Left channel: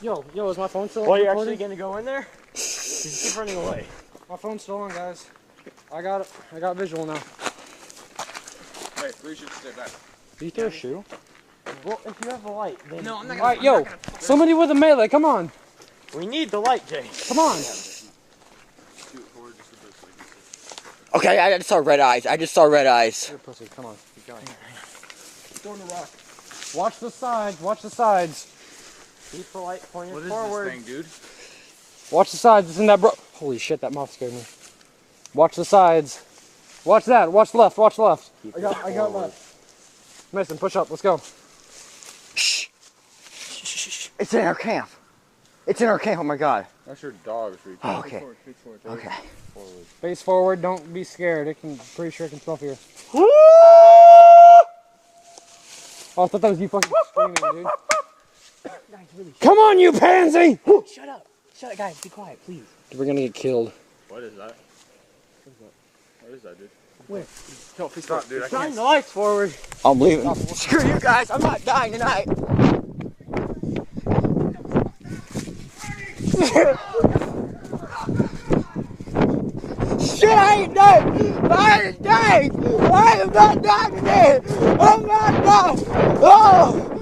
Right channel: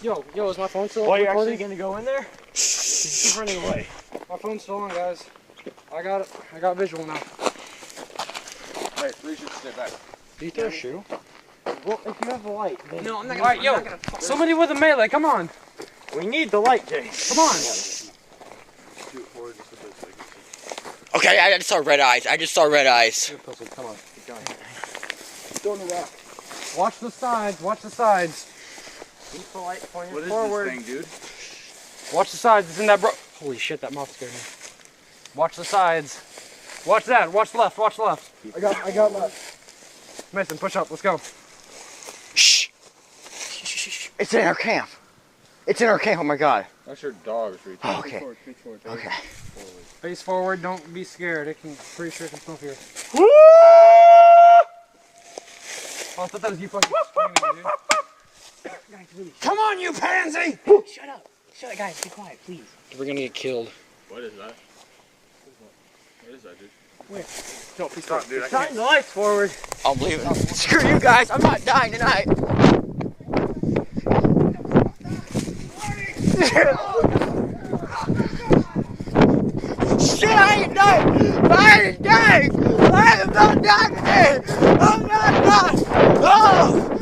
Yo, is my phone still on? Well, you're actually gonna go in there? Just keep running away. My phone's still on, guys. I got visual now. Hey, three should stay back. Do you throw a shoe? Well, if you have a light, then... No, I'm not Alright, yo, somebody with a melee, come on. We need the light, Jay. Come on. Shoot forward just a bit so I can see. Okay, I just saw red eyes. I just saw red eyes. You're a pussy, come on. Keep going. Throwing a rock. Watch the sides, watch the sides. Keep the light pointed What is forward. this thing, dude? Watch the sides, it's in that Holy shit, that moth scared me. Watch the sides. Watch that, watch left, watch left. I got left. Mason, push up, let's go. Shh. It's in our camp. It's in our camp. Oh my god. That's your dog. Oh, okay. Face forward. Okay. Forward. Face forward, don't be scared. Pretty sure it can smell you. Woo! Oh, I thought that was you fucking screaming, dude. Come on, you pansy! Shut up. Shut up, guys. Be quiet, please. We're gonna get killed. What is that? What is that, dude? Wait. Don't stop, dude. I Shine can't. the lights forward. I'm leaving. Screw you guys. I'm not dying tonight. Shit, I ain't no. I ain't dying. I am not dying today. I'm not dying. Oh.